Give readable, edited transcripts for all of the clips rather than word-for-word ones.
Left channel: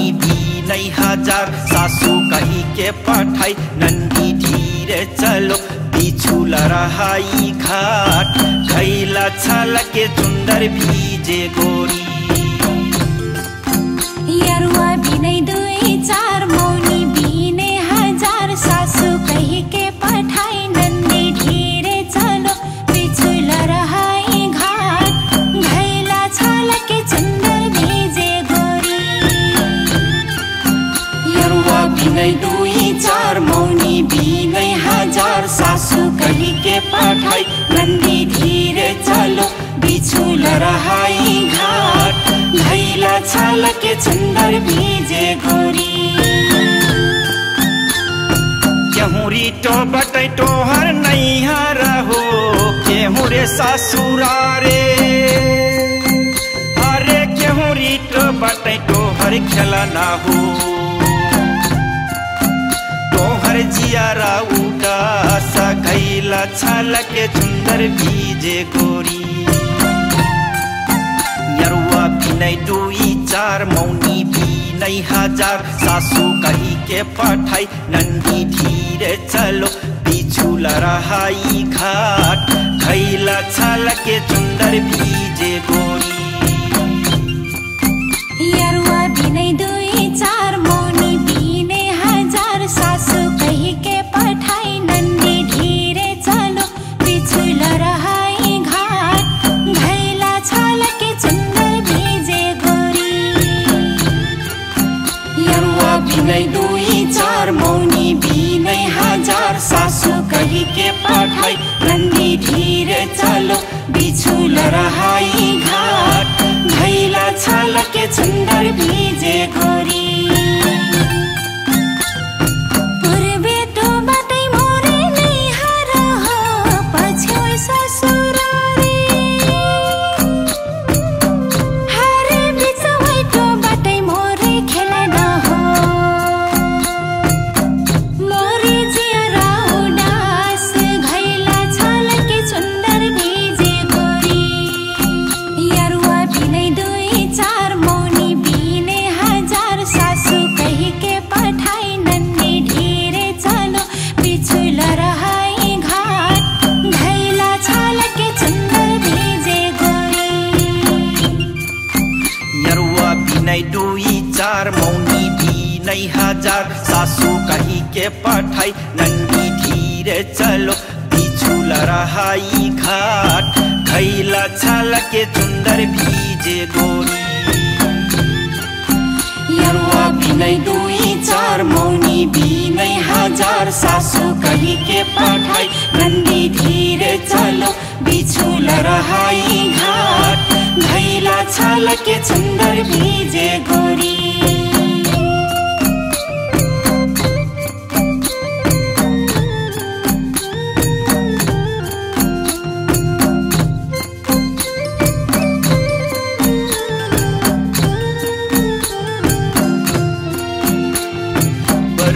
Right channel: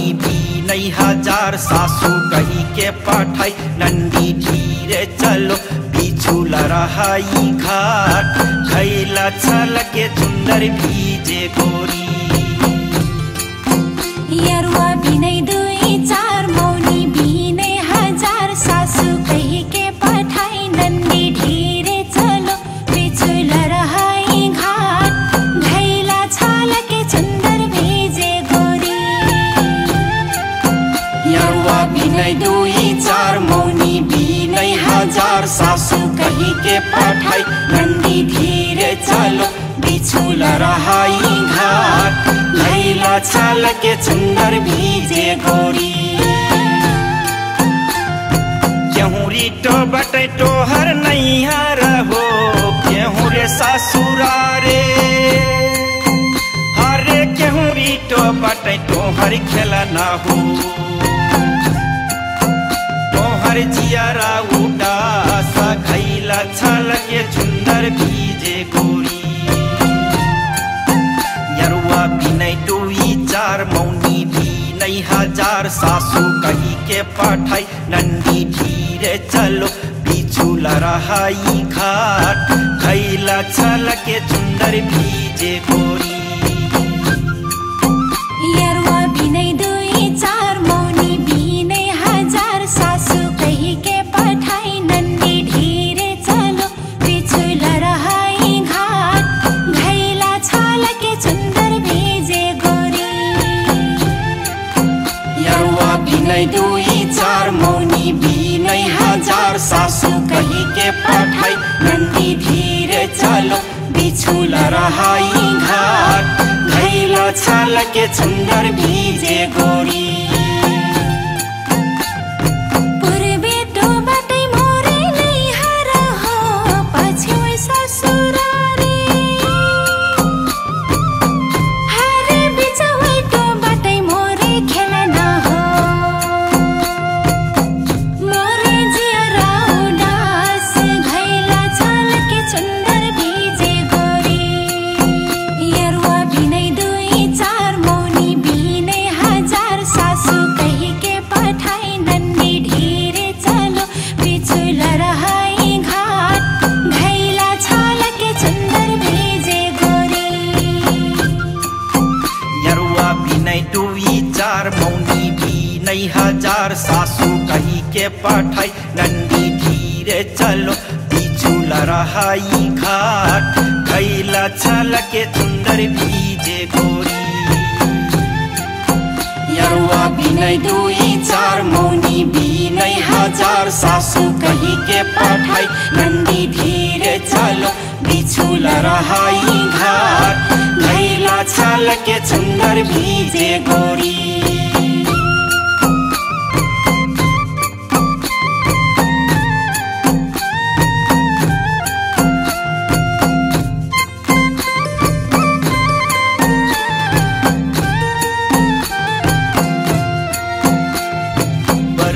मौनी बिनै हजार सासू कही के पठाई नन्दी धीरे चलो बिछुल रहाई घाट खैला छल के सुन्दर भीजे गोरी यरुआ बिनै दुई चार मौनी बिनै हजार सासू कही के पठाई नन्दी धीरे चलो बिछुल रहाई घाट खैला छल के सुन्दर भीजे गोरी यरुआ बिनै दुई चार मौनी बिनै हजार सासू कही के पठाई नन्दी धीरे चलो बिछुल रहाई घाट खैला छल के सुन्दर भीजे गोरी केहुरी तो बटै तोहर नैहर हो केहू रे ससुरारे हरे केहुरी तो बटै तोहर खेलना हो तोहर जियारा उदास खैला छल के सुन्दर भीजे गोरी यरुआ बिनै दुई चार मौनी बिनै हजार सासू कही के पठाई नन्दी धीरे चलो बिछुल रहाई घाट खैला छल के सुन्दर भीजे गोरी यरुआ बिनै दुई चार मौनी बिनै हजार सासू कही के पठाई नन्दी धीरे चलो बिछुल रहाई घाट खैला छल के सुन्दर भीजे गोरी यरुआ बिनै दुई चार मौनी बिनै हजार सासू कही के पठाई नन्दी धीरे चलो बिछुल रहाई घाट खैला छल के सुन्दर भीजे गोरी पूर्वे तो बाटै मोरे नैहर हो पछ्यौ ससुरारी हरे बिचवै तो बाटै मोरे खेलना हो मोरे जियरा उदास खैला छल के सुन्दर भीजे गोरी यरुआ बिनै दुई चार मौनी बिनै हजार सासू कही के पठाई नन्दी धीरे चलो बिछुल रहाई घाट खैला छल के सुन्दर भीजे गोरी यरुआ बिनै दुई चार मौनी बिनै हजार सासू कही के पठाई नन्दी धीरे चलो बिछुल रहाई घाट खैला छल के सुन्दर भीजे गोरी यरुआ बिनै दुई चार मौनी बिनै हजार सासू कही के पठाई नन्दी धीरे चलो बिछुल रहाई घाट खैला छल के सुन्दर भीजे गोरी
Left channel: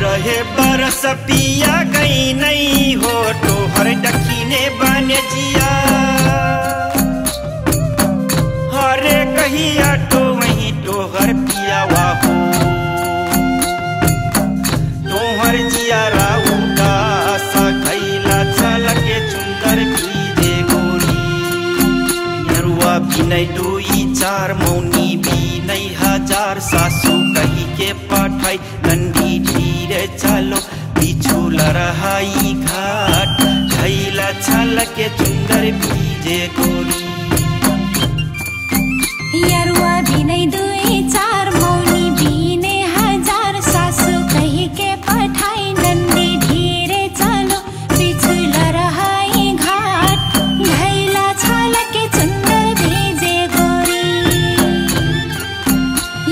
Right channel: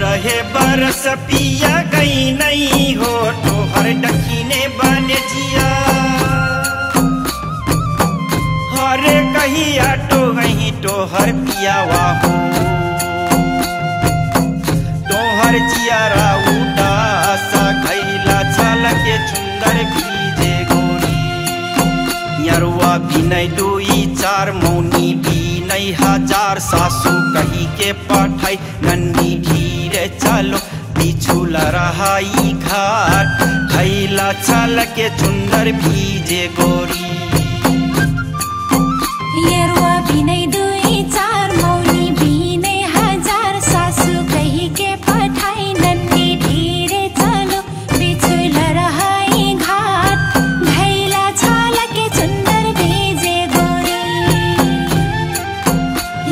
रहे बरस पिया गई नहीं हो तोहर दखिने बने जिया हरे कहिया तो वही तोहर पियावा हो तोहर जियारा उदास खैला छल के सुन्दर भीजे गोरी यरुआ बिनै दुई चार मौनी बिनै हजार सासू कही के पठाई नन्दी धीरे चलो बिछुल रहाई घाट खैला छल के सुन्दर भीजे गोरी यरुआ बिनै दुई चार मौनी बिनै हजार सासू कही के पठाई नन्दी धीरे चलो बिछुल रहाई घाट खैला छल के सुन्दर भीजे गोरी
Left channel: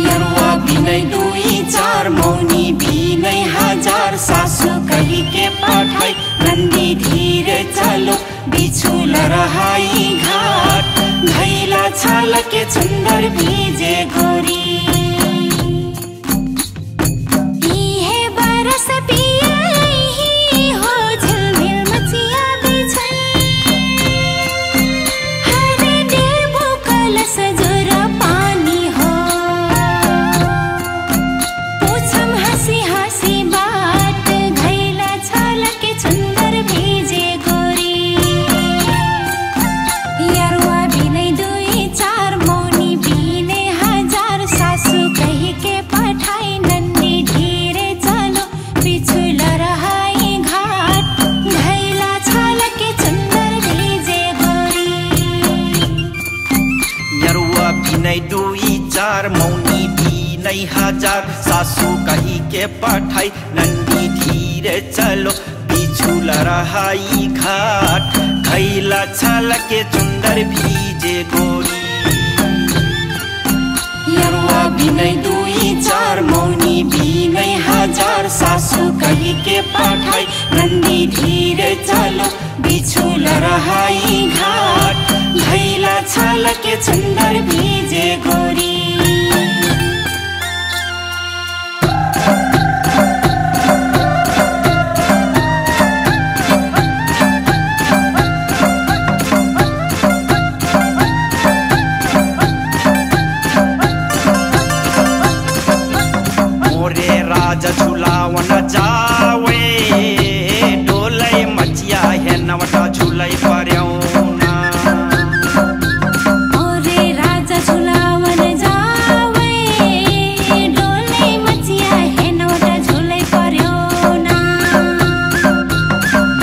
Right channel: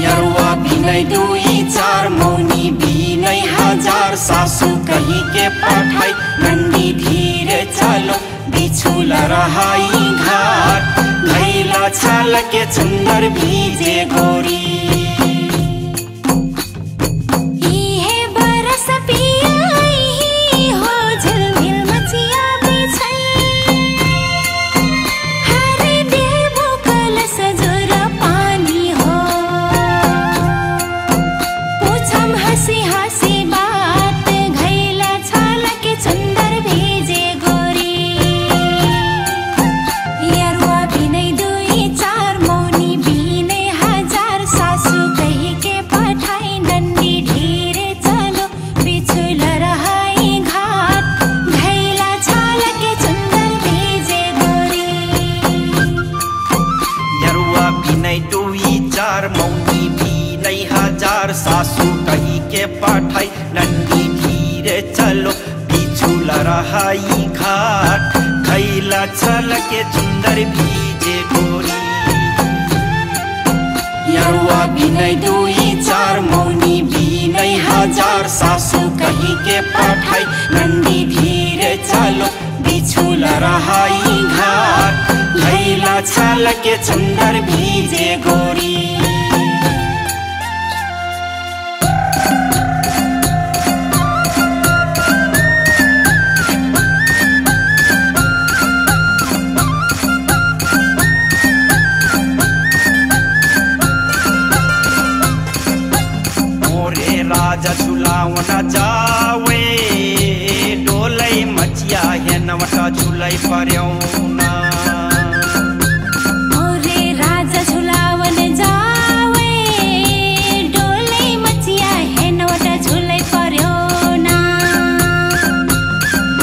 यरुआ बिनै दुई चार मौनी बिनै हजार सासू कही के पठाई नन्दी धीरे चलो बिछुल रहाई घाट खैला छल के सुन्दर भीजे गोरी बरस पिया हो झिलमिल मचिया बिछै हरे देवो कलश जोर पानी हो हजार सासू कही के पठाई नंदी धीरे चलो बिछु लरहाई घाट खैला छल के चुंदर भीजे गोरी यरुआ बिनै दुई चार मौनी बिनै हजार सासू कही के पठाई नंदी धीरे चलो बिछु लरहाई घाट खैला छल के चुंदर भीजे गोरी राजा झुलावन जावे डोलै मचिया है नवटा झुलै पर्यौना ओरे राजा झुलावन जावे डोलै मचिया है नवटा झुलै पर्यौना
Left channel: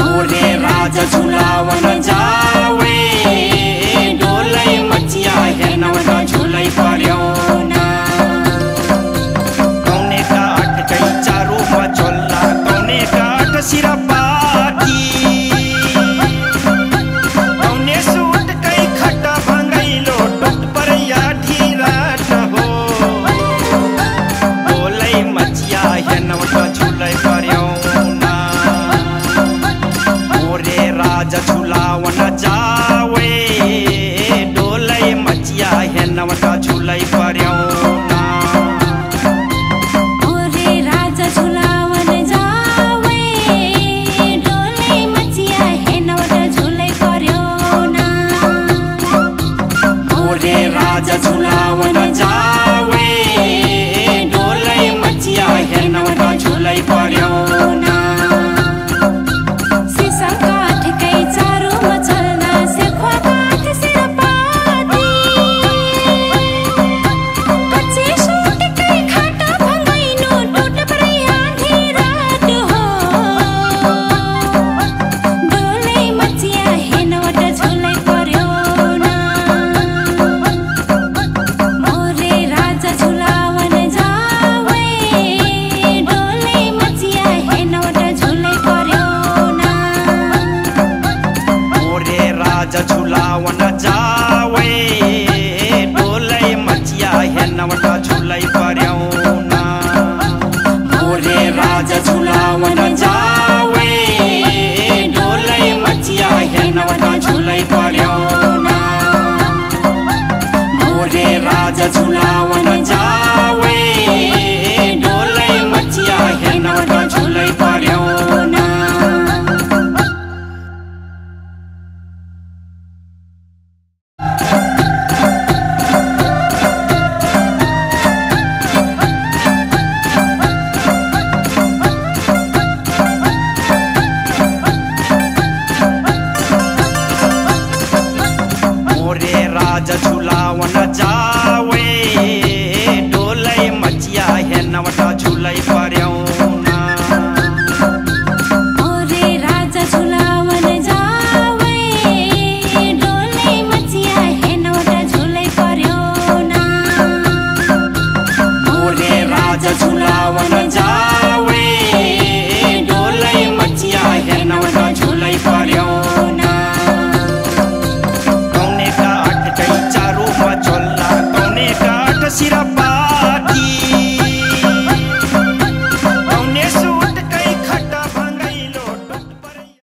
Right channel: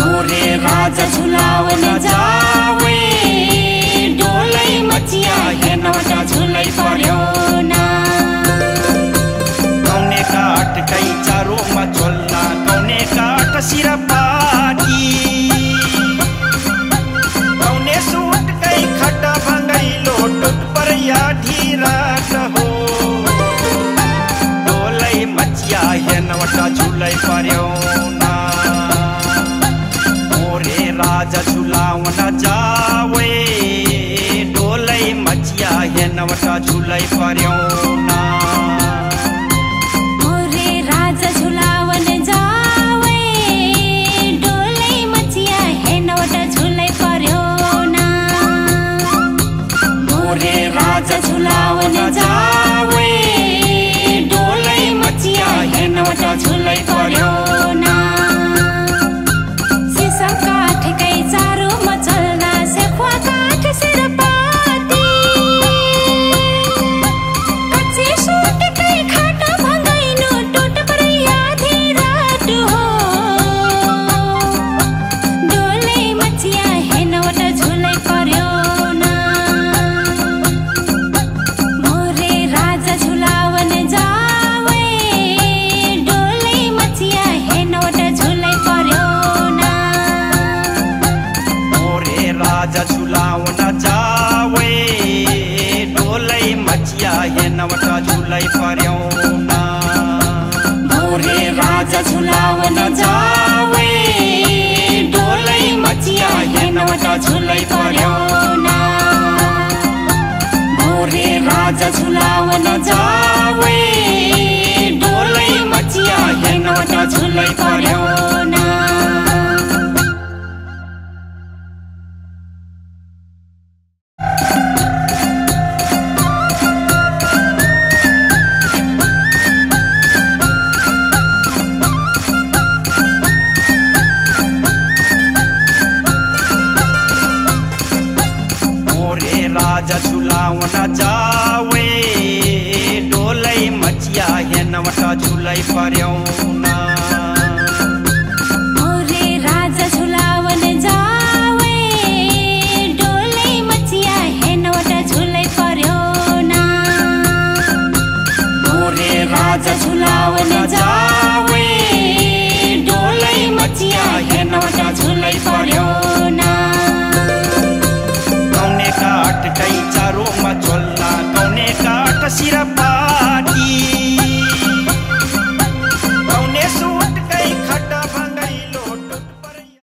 ओरे राजा झुलावन जावे डोलै मचिया है नवटा झुलै पर्यौना कई चारो मचोल्ला कौने काट सिरा पाटी कौने सूट कई खटा भंगई लोटुट पर या ढीराट हो डोलै मचिया है नवटा झुलै पर्यौना ओरे राजा झुलावन जावे डोलै मचिया है नवटा झुलै पर्यौना झुलावन जावे डोलै मचिया है नवटा झुलै पर्यौना मोरे राजा झुलावन जावे डोलै मचिया है नवटा झुलै पर्यौना सीसा काठ कै चारो मचल्दा सेखुवा काठ सिर पादी कच्चे सूट कै खाटा भंगैनो टुट झुलै पर्यौना मोरे राजा झुलावन जावे डोलै मचिया है नवटा झुलै पर्यौना मोरे राजा झुलावन जावे डोलै मचिया है नवटा झुलै पर्यौना मोरे राजा झुलावन जावे डोलै मचिया है नवटा झुलै पर्यौना मोरे राजा झुलावन जावे डोलै मचिया है नवटा झुलै पर्यौना राजा झुलावन जावे डोलै मचिया है नवटा झुलै पर्यौना ओरे राजा झुलावन जावे डोलै मचिया है नवटा झुलै पर्यौना ओरे राजा झुलावन जावे डोलै मचिया है नवटा झुलै पर्यौना कौने काट कई चारो मचोल्ला कौने काट सिरा